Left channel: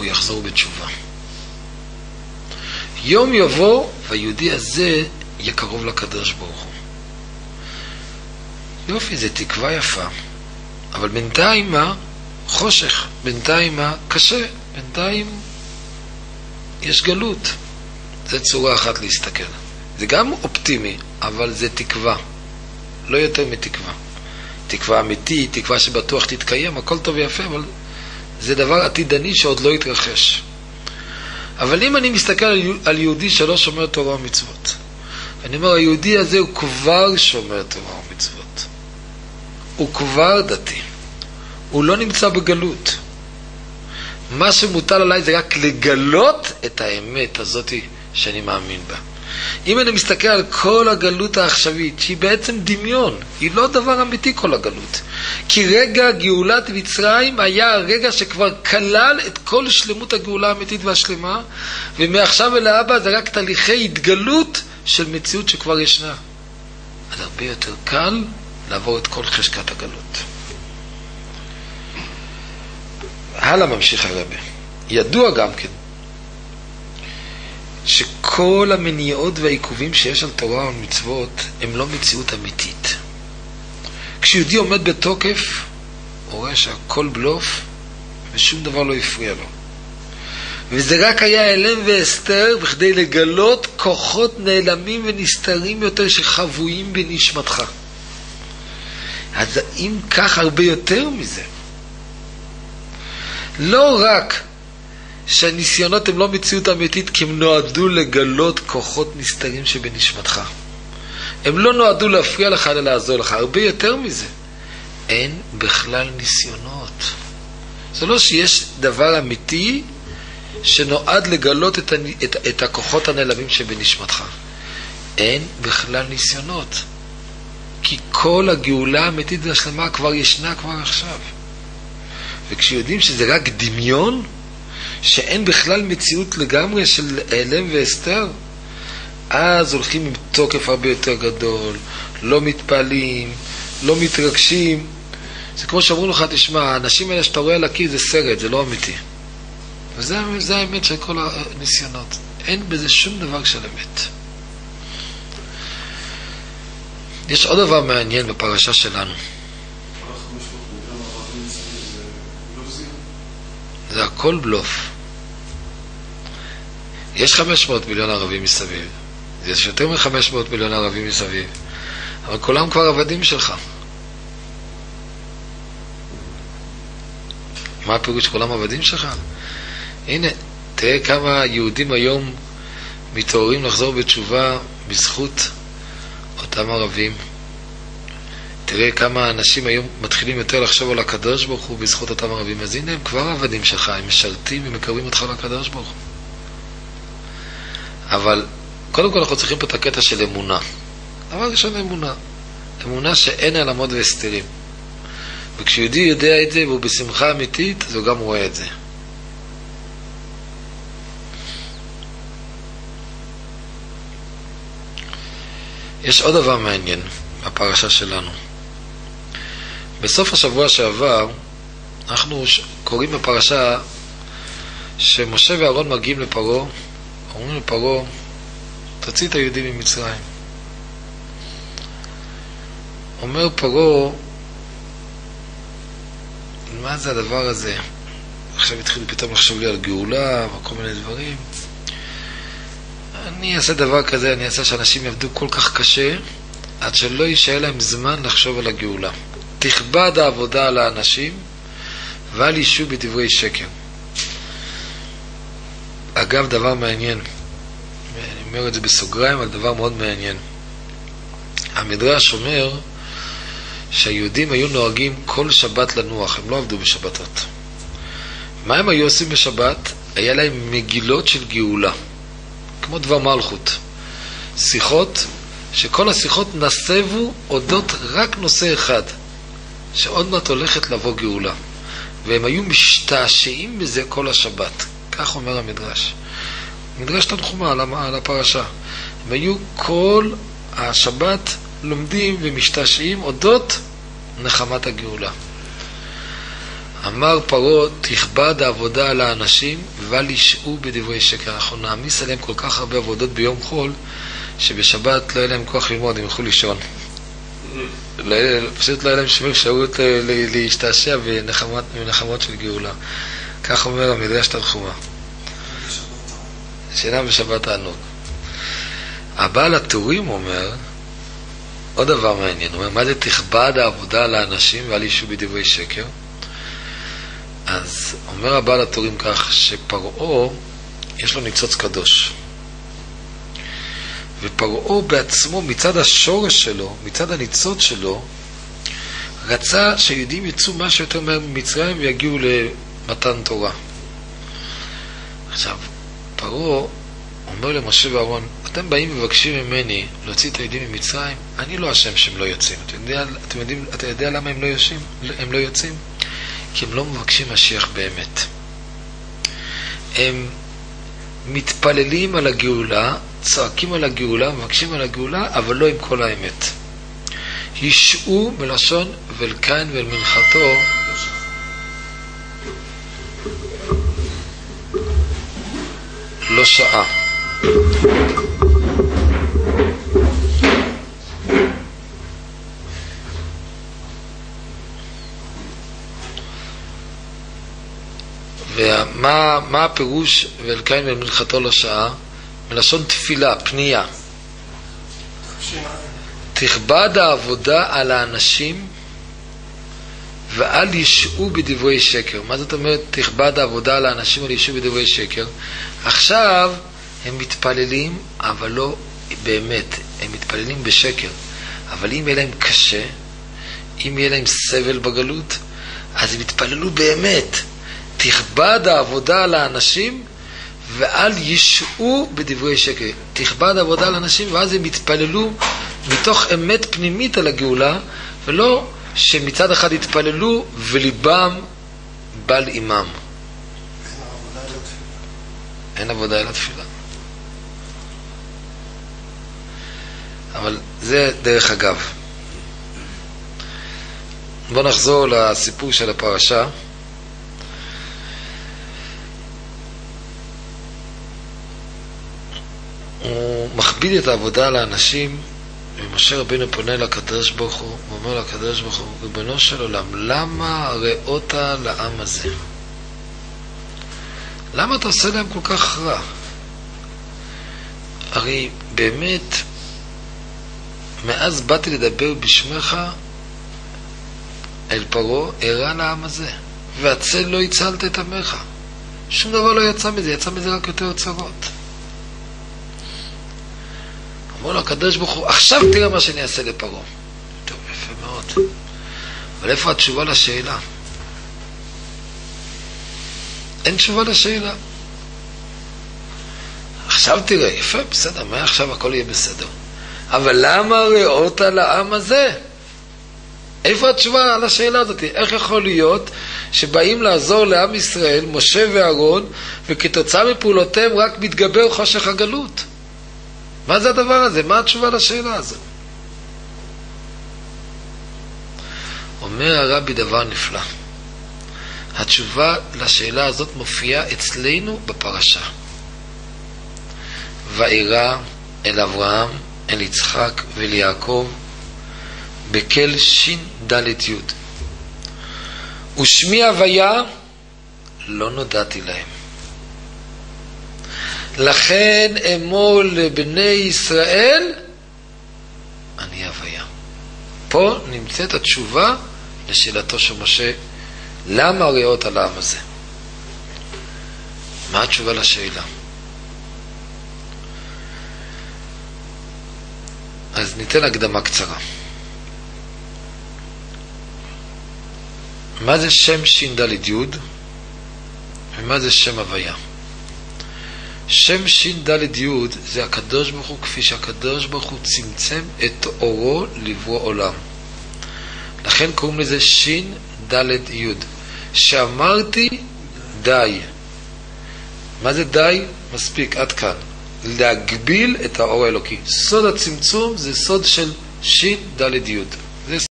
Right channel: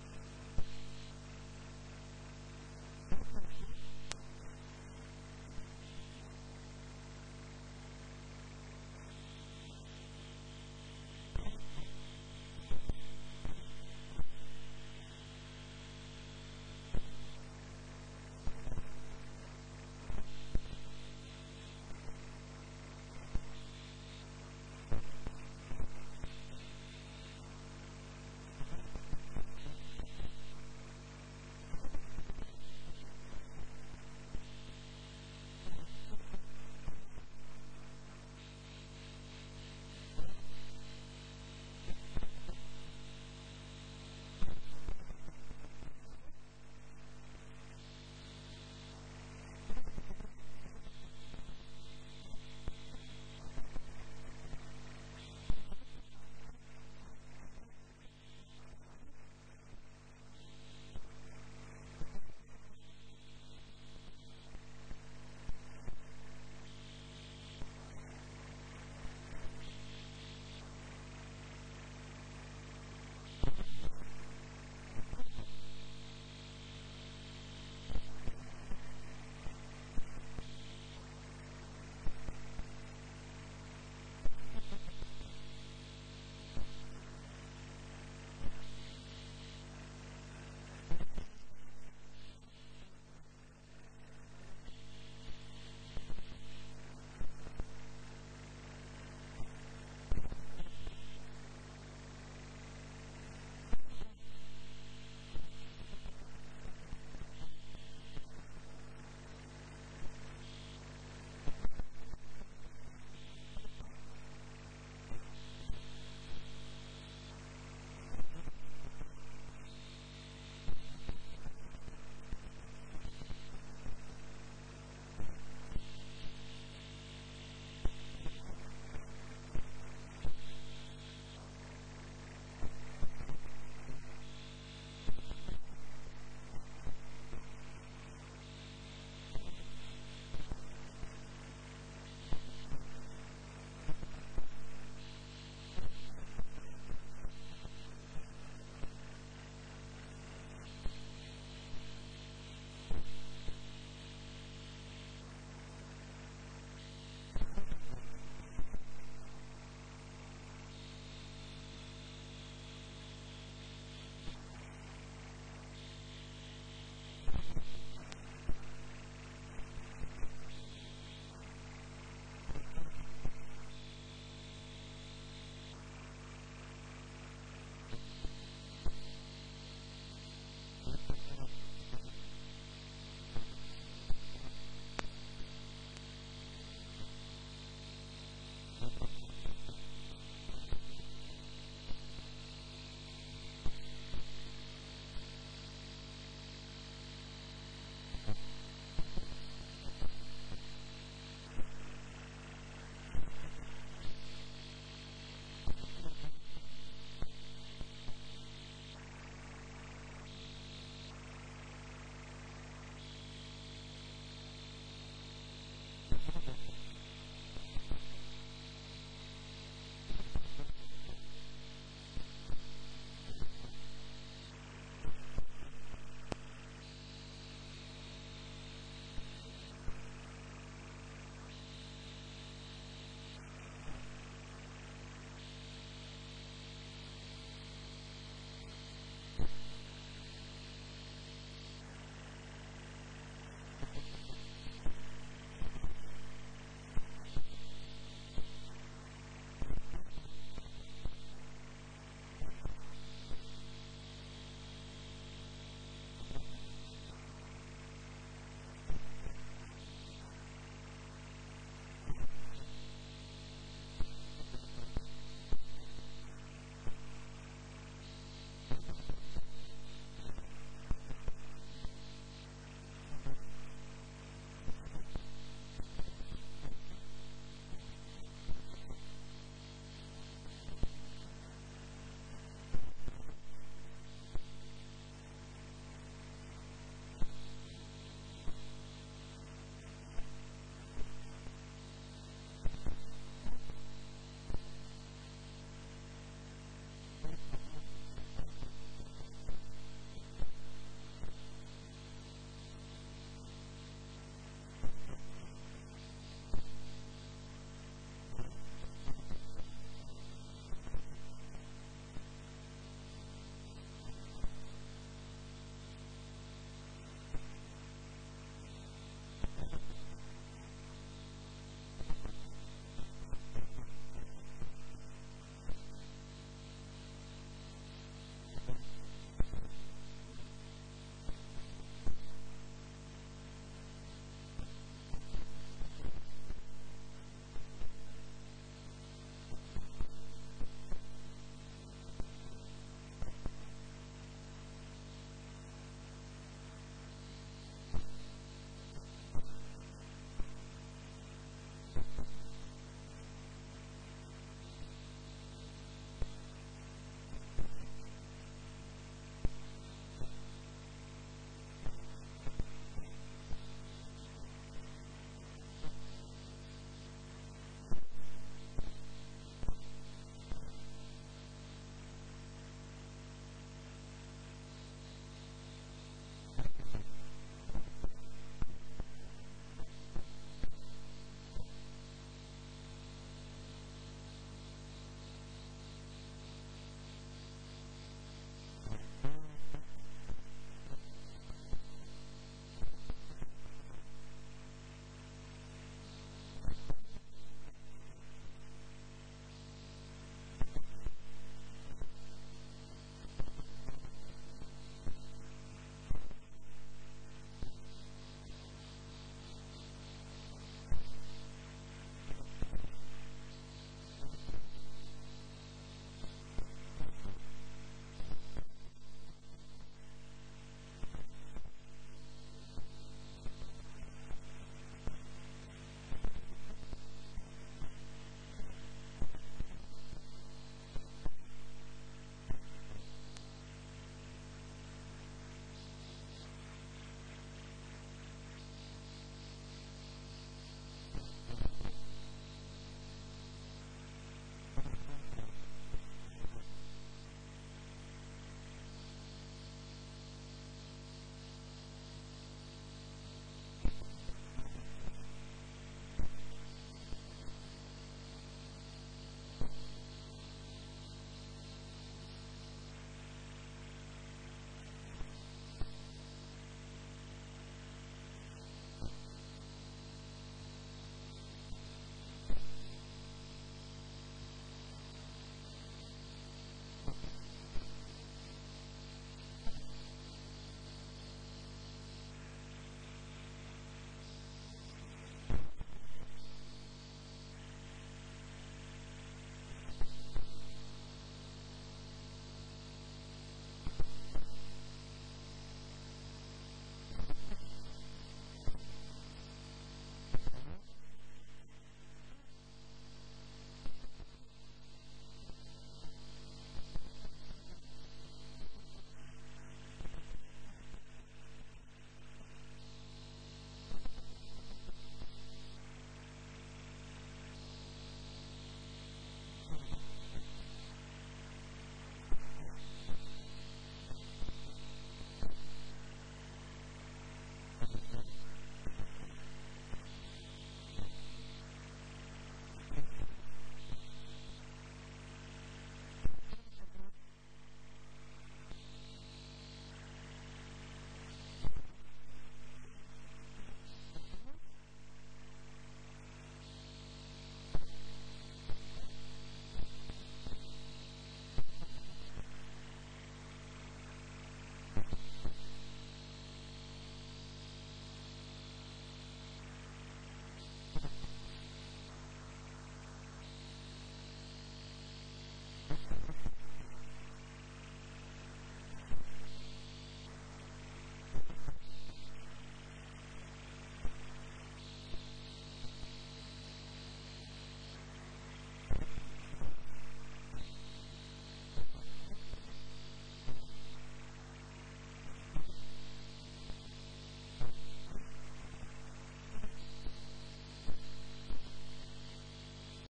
הוא יחזור בתשובה. יום יבוא והיהודי הזה יהיה קרוב לקדוש ברוך הוא. יופי, זה תקווה יפה, אבל בינתיים מה? חושך, בינתיים מה? קשה, בינתיים יש גלות. זה צורה אחת להסתכל. זה גם אופטימי, אבל זה תקווה, לא יותר מתקווה. תקווה אמיתית, תקווה שבטוח תתקיים, הכל טוב ויפה, אבל זה דבר עתידני שעוד לא יתרחש. אבל אם אני מסתכל על יהודי שלא שומר תורה ומצוות, אני אומר, היהודי הזה הוא כבר שומר תורה ומצוות. הוא כבר דתי. הוא לא נמצא בגלות. מה שמוטל עליי זה רק לגלות את האמת הזאת שאני מאמין בה. אם אני מסתכל על כל הגלות העכשווית, שהיא בעצם דמיון, היא לא דבר אמיתי כל הגלות. כי רגע גאולת מצרים היה הרגע שכבר כלל את כל שלמות הגאולה האמיתית והשלמה, ומעכשיו ולהבא זה רק תהליכי התגלות של מציאות שכבר ישנה. אז הרבה יותר קל לעבור את כל חשקת הגלות. הלאה ממשיך הרבי. ידוע גם כן שכל המניעות והעיכובים שיש על תורה ומצוות הם לא מציאות אמיתית. כשיהודי עומד בתוקף, הוא רואה שהכל בלוף ושום דבר לא יפריע לו. וזה רק היה הלם והסתר בכדי לגלות כוחות נעלמים ונסתרים יותר שחבויים בנשמתך. אז אם כך הרבה יותר מזה, לא רק שהניסיונות הם לא מציאות אמיתית, כי הם נועדו לגלות כוחות נסתרים שבנשמתך. הם לא נועדו להפריע לך אלא לעזור לך. הרבה יותר מזה, אין בכלל ניסיונות. זה לא שיש דבר אמיתי שנועד לגלות את הכוחות הנעלמים שבנשמתך. אין בכלל ניסיונות. כי כל הגאולה האמיתית והשלמה כבר ישנה כבר עכשיו. וכשיודעים שזה רק דמיון, שאין בכלל מציאות לגמרי של העלם והסתר, אז הולכים עם תוקף הרבה יותר גדול, לא מתפעלים, לא מתרגשים. זה כמו שאמרו לך, תשמע, האנשים האלה שאתה רואה על הקיר זה סרט, זה לא אמיתי. וזה האמת של כל הניסיונות. אין בזה שום דבר של אמת. יש עוד דבר מעניין בפרשה שלנו. זה הכל בלוף. יש 500 מיליון ערבים מסביב. יש יותר מ-500 מיליון ערבים מסביב. אבל כולם כבר עבדים שלך. מה הפירוש כולם עבדים שלך? הנה, תראה כמה יהודים היום מתעוררים לחזור בתשובה בזכות אותם ערבים. תראה כמה אנשים היום מתחילים יותר לחשוב על הקדוש ברוך הוא בזכות אותם ערבים. אז הנה הם כבר עבדים שלך, הם משרתים ומקרבים אותך לקדוש ברוך הוא. אבל קודם כל אנחנו צריכים פה את הקטע של אמונה. דבר ראשון אמונה. אמונה שאין העלמות והסתרים. וכשיהודי יודע את זה והוא בשמחה אמיתית, אז הוא גם רואה את זה. יש עוד דבר מעניין בפרשה שלנו. בסוף השבוע שעבר אנחנו קוראים בפרשה שמשה ואהרון מגיעים לפרעה, אומרים לפרעה, תוציא את היהודים ממצרים. אומר פרעה, מה זה הדבר הזה? עכשיו התחיל פתאום לחשוב לי על גאולה וכל מיני דברים. אני אעשה דבר כזה, אני אעשה שאנשים יעבדו כל כך קשה עד שלא יישאר להם זמן לחשוב על הגאולה. תכבד העבודה על האנשים ואל יישו בדברי שקר. אגב, דבר מעניין, אני אומר את זה בסוגריים, אבל דבר מאוד מעניין. המדרש אומר שהיהודים היו נוהגים כל שבת לנוח, הם לא עבדו בשבתות. מה הם היו עושים בשבת? היה להם מגילות של גאולה, כמו דבר מלכות. שיחות, שכל השיחות נסבו אודות רק נושא אחד, שעוד מעט הולכת לבוא גאולה. והם היו משתעשעים בזה כל השבת. כך אומר המדרש. מדרש תנחומה על הפרשה. הם היו כל השבת לומדים ומשתעשעים אודות נחמת הגאולה. אמר פרעה, תכבד העבודה על האנשים ואל ישעו בדברי שקר. אנחנו נעמיס עליהם כל כך הרבה עבודות ביום חול, שבשבת לא יהיה להם כוח ללמוד, הם ילכו לישון. פשוט לא יהיה להם שום אפשרות להשתעשע בנחמות של גאולה. כך אומר המדרש תנחומא. שינה בשבת תענוג. הבעל הטורים אומר עוד דבר מעניין, הוא אומר, מה זה תכבד העבודה על האנשים ואל ישעו בדברי שקר? אז אומר הבעל הטורים כך, שפרעה יש לו ניצוץ קדוש, ופרעה בעצמו מצד השורש שלו, מצד הניצוץ שלו, רצה שיהודים יצאו משהו יותר מהר ממצרים ויגיעו למתן תורה. עכשיו, פרעה אומר למשה ואהרון, אתם באים ומבקשים ממני להוציא את היהודים ממצרים, אני לא אשם שהם לא יוצאים. אתה יודע למה הם לא יוצאים? כי הם לא מבקשים משיח באמת. הם מתפללים על הגאולה, צועקים על הגאולה, מבקשים על הגאולה, אבל לא עם כל האמת. ישעו מלשון ולקין ואל מנחתו, לא שעה. ומה הפירוש ולקין ואל מנחתו לא שעה? מלשון תפילה, פנייה. תכבד העבודה על האנשים ואל ישעו בדברי שקר. מה זאת אומרת תכבד העבודה על האנשים ואל ישעו בדברי שקר? עכשיו הם מתפללים, אבל לא באמת, הם מתפללים בשקר. אבל אם יהיה להם קשה, אם יהיה להם סבל בגלות, אז הם יתפללו באמת. תכבד העבודה על האנשים ואל ישעו בדברי שקר. תכבד העבודה על האנשים, ואז הם יתפללו מתוך אמת פנימית על הגאולה, ולא שמצד אחד יתפללו וליבם בל אימם. אין עבודה אלא תפילה. אבל זה דרך אגב. בואו נחזור לסיפור של הפרשה. הוא מכביד את העבודה על האנשים, ומשה רבינו פונה לקדוש ברוך הוא, הוא אומר לקדוש ברוך הוא, ריבונו של עולם, למה ראות לעם הזה? למה אתה עושה להם כל כך רע? הרי באמת, מאז באתי לדבר בשמך אל פרעה, הרע לעם הזה, והצל לא הצלת את עמך. שום דבר לא יצא מזה, יצא מזה רק יותר צרות. אמרו לו הקדוש ברוך הוא, עכשיו תראה מה שאני אעשה לפרעה. טוב, יפה מאוד. אבל איפה התשובה לשאלה? אין תשובה לשאלה. עכשיו תראה, יפה, בסדר, מה עכשיו הכל יהיה בסדר. אבל למה ראות לעם הזה? איפה התשובה על השאלה הזאת? איך יכול להיות שבאים לעזור לעם ישראל, משה ואהרון, וכתוצאה מפעולותיהם רק מתגבר חושך הגלות? מה זה הדבר הזה? מה התשובה לשאלה הזו? אומר הרבי דבר נפלא. התשובה לשאלה הזאת מופיעה אצלנו בפרשה. ואירע אל אברהם, אל יצחק ואל יעקב בקל שין דלת יוד. ושמי הוויה לא נודעתי להם. לכן אמור לבני ישראל, אני הוויה. פה נמצאת התשובה לשאלתו של משה, למה ראות על העם הזה? מה התשובה לשאלה? אז ניתן הקדמה קצרה. מה זה שם שין דלת יוד? ומה זה שם הוויה? שם שין דלת יוד זה הקדוש ברוך הוא, כפי שהקדוש ברוך הוא צמצם את אורו לברוא עולם. לכן קוראים לזה שין דלת יוד. שאמרתי די. מה זה די? מספיק, עד כאן. להגביל את האור האלוקי. סוד הצמצום זה סוד של שין דלת יוד.